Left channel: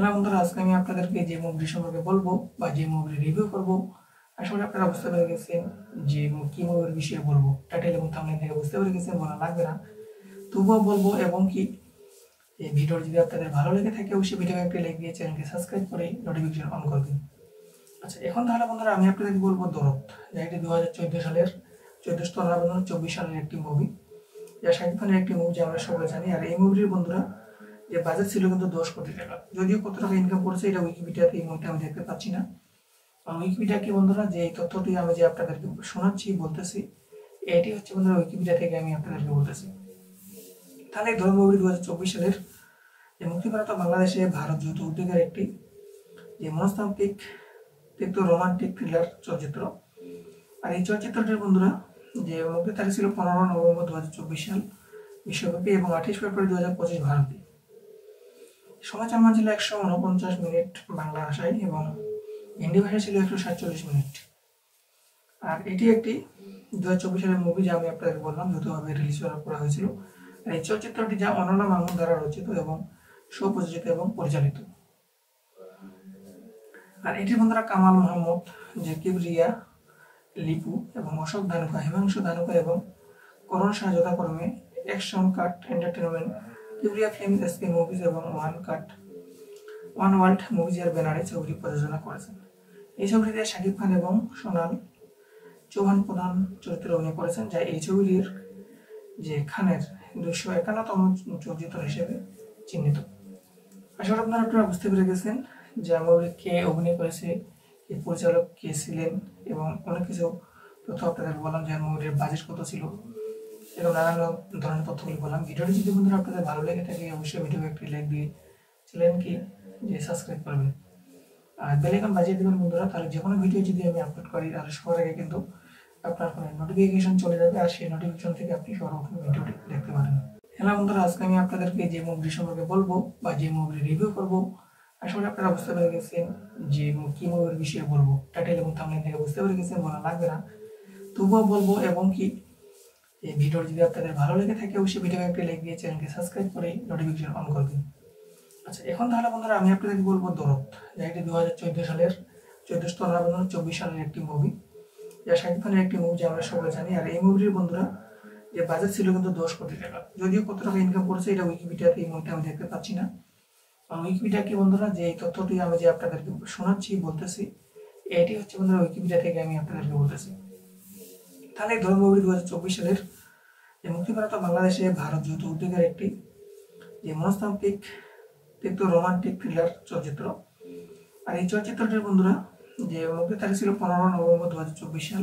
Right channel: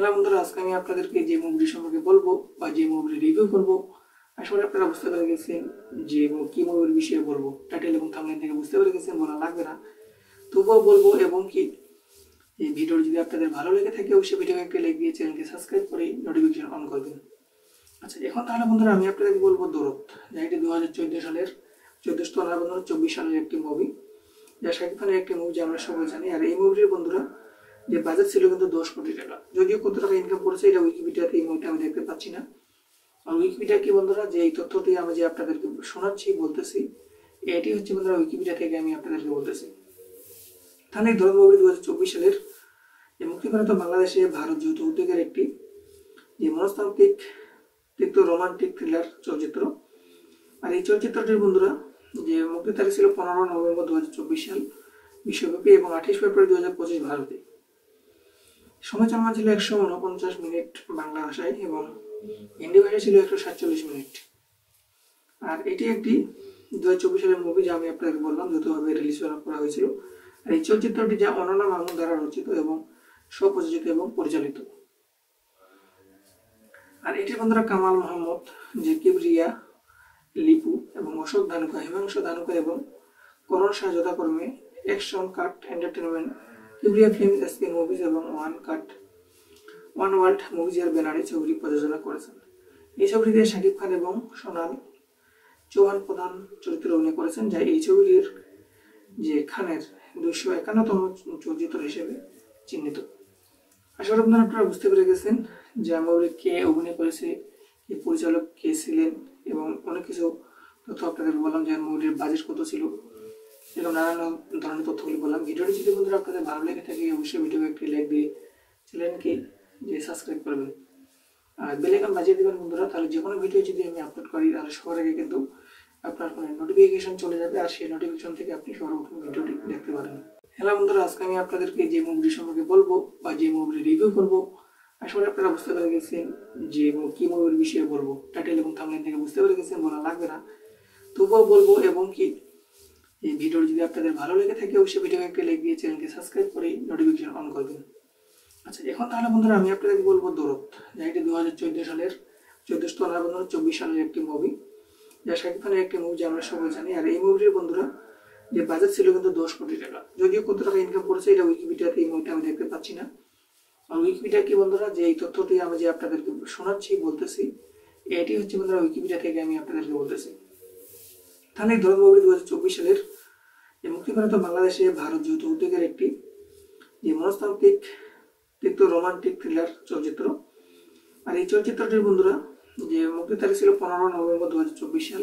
Hello বন্ধুরা, আজকে আমি আপনাদেরকে যে মুভি সম্পর্কে বলবো বা যে মুভির রিভিউ করব, আসলে আপনারা বুঝতে পেরে গেছেন যে কি মুভির বিষয়ে বলবো। টাইটেল এবং থাম্বনেল থেকে বুঝতে পেরে গেছেন, বলা লাগবে না। তবুও বলবো, এবং কি এই ভিডিও যদি আপনাদের ভালো লেগে থাকে অবশ্যই ভিডিওকে একটা লাইক দিয়ে চ্যানেলকে সাবস্ক্রাইব করে নোটিফিকেশন অন করবেন। আচ্ছা, এখন তাহলে বন্ধুরা আমি আপনাদেরকে বলবো দরদ, যা এটি 2014 সালের 24 সালের একটি মুভি, যা শাকিব খানের একটি মুভি, যা আমরা সবাই জানি। আর এই মুভির বন্ধুরা যে বাজেট ছিল কিন্তু 10 কোটি টাকা। যদিও কত টাকা ইনকাম করেছে এটা উইকিপিডিয়াতে এই মুহূর্তে আমি দেখতে পাচ্ছি না। আর উইকিপিডিয়া কি বন্ধুরা, যে এই তথ্যটি আমি যে আপনাদেরকে শোনাচ্ছি বলতেছি, এটি হচ্ছে বন্ধুরা উইকিপিডিয়া থেকে আমি আপনাদেরকে বলতেছি। তাহলে এই দরদ মুভি 2024 সালের যে মুক্তিপ্রাপ্ত বাংলাদেশে ভারত যৌথ উদ্যোগের একটি যে মনস্তাত্ত্বিক রোমান্টিক থ্রিলার চলচ্চিত্র। আর এই চলচ্চিত্রটির বন্ধুরা যে মুক্তির তারিখ ছিল 15 নভেম্বর 2024 সাল বিশ্বব্যাপী এবং 28 ফেব্রুয়ারি 2025 ভারতে। সময় চলমান ছিল 149 মিনিট বাংলা ভাষায় এবং হিন্দি ভাষায় ছিল 147 মিনিট। আর এটি একটি 2024 সালের মুভি, যা আমি আপনাদের বললাম যৌথভাবে রিলিজ করা হয়েছিল। আর এই চলচ্চিত্রটি যা অনন্যা মামুন দ্বারা রচিত এবং স্বপ্রযোজিত এবং পরিচালিত। আর এটি বন্ধুরা কামাল মোহাম্মদ, যে কিবরিয়া, লিপু এবং অশোক ধানুকা, হিমাংশু ধানুকা এবং করণ শাহ যথাক্রমে action cut entertainment, Kibria film, SK movies এবং ওয়ান ওয়ার্ল্ড মুভিজের ব্যানারে ছবিটি প্রযোজনা করেছেন। এই ছবিটিতে শাকিব খান এবং সোনাল চৌহান প্রধান চরিত্রে অভিনয় করেছেন, যা এই ছবিটির যে খানের 251তম চলচ্চিত্র হিসেবে চিহ্নিত। আসলে আপনারা বুঝতে পেরে গেছেন যে মুভিটি কে অভিনয় করেছে, কে পরিচালক কে ছিলেন, এবং অনেক কিছু তথ্য আপনাদের বললাম, যে মুভিটির বাজেট কত ছিল, এরকম নানান ধরনের তথ্যগুলি বললাম। ভিডিওটি যদি বন্ধুরা আপনাদের ভালো লেগে থাকে অবশ্যই ভিডিওকে একটি লাইক দিয়ে চ্যানেলকে যে সাবস্ক্রাইব করবেন আর বেল আইকন বাজিয়ে দেবেন বন্ধুরা। তাহলে যে কোনো ভিডিও যদি আমি আপলোড করি তাহলে সবার আগে কিন্তু আপনার ফোনে নোটিফিকেশন চলে যাবে, আর সেই নোটিফিকেশন থেকে আপনি সর্বপ্রথম ভিডিওটি দেখতে পারেন। হ্যালো বন্ধুরা, আজকে আমি আপনাদেরকে যে মুভি সম্পর্কে বলবো বা যে মুভির রিভিউ করব, আসলে আপনারা বুঝতে পেরে গেছেন যে কি মুভির বিষয়ে বলবো। টাইটেল এবং থাম্বনেল থেকে বুঝতে পেরে গেছেন, বলা লাগবে না। তবুও বলবো, এবং কি এই ভিডিও যদি আপনাদের ভালো লেগে থাকে অবশ্যই ভিডিওকে একটা লাইক দিয়ে চ্যানেলকে সাবস্ক্রাইব করে নোটিফিকেশন অন করবেন। আচ্ছা, এখন তাহলে বন্ধুরা আমি আপনাদেরকে বলবো দরদ, যা এটি 2014 সালের 24 সালের একটি মুভি, যা শাকিব খানের একটি মুভি, যা আমরা সবাই জানি। আর এই মুভির বন্ধুরা যে বাজেট ছিল কিন্তু 10 কোটি টাকা। যদিও কত টাকা ইনকাম করেছে এটা উইকিপিডিয়াতে এই মুহূর্তে আমি দেখতে পাচ্ছি না। আর উইকিপিডিয়া কি বন্ধুরা, যে এই তথ্যটি আমি যে আপনাদেরকে শোনাচ্ছি বলতেছি, এটি হচ্ছে বন্ধুরা উইকিপিডিয়া থেকে আমি আপনাদেরকে বলতেছি। তাহলে এই দরদ মুভি 2024 সালের যে মুক্তিপ্রাপ্ত বাংলাদেশে ভারত যৌথ উদ্যোগের একটি যে মনস্তাত্ত্বিক রোমান্টিক থ্রিলার চলচ্চিত্র। আর এই চলচ্চিত্রটির বন্ধুরা যে মুক্তির তারিখ ছিল 15 নভেম্বর 2024 সাল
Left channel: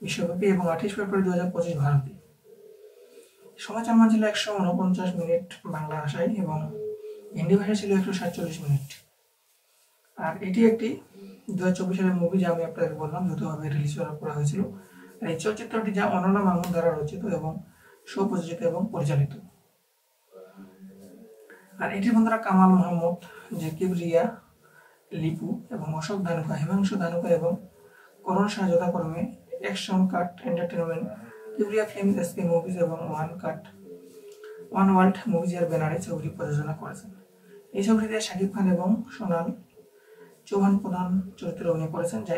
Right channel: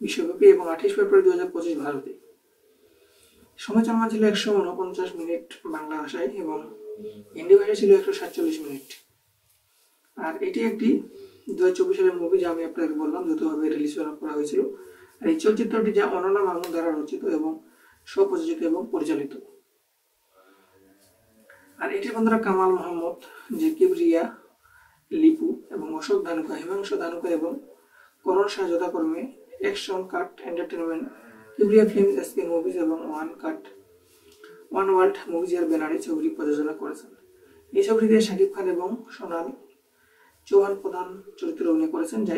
বিশ্বব্যাপী এবং 28 ফেব্রুয়ারি 2025 ভারতে। সময় চলমান ছিল 149 মিনিট বাংলা ভাষায় এবং হিন্দি ভাষায় ছিল 147 মিনিট। আর এটি একটি 2024 সালের মুভি, যা আমি আপনাদের বললাম যৌথভাবে রিলিজ করা হয়েছিল। আর এই চলচ্চিত্রটি যা অনন্যা মামুন দ্বারা রচিত এবং স্বপ্রযোজিত এবং পরিচালিত। আর এটি বন্ধুরা কামাল মোহাম্মদ, যে কিবরিয়া, লিপু এবং অশোক ধানুকা, হিমাংশু ধানুকা এবং করণ শাহ যথাক্রমে action cut entertainment, Kibria film, SK movies এবং ওয়ান ওয়ার্ল্ড মুভিজের ব্যানারে ছবিটি প্রযোজনা করেছেন। এই ছবিটিতে শাকিব খান এবং সোনাল চৌহান প্রধান চরিত্রে অভিনয় করেছেন, যা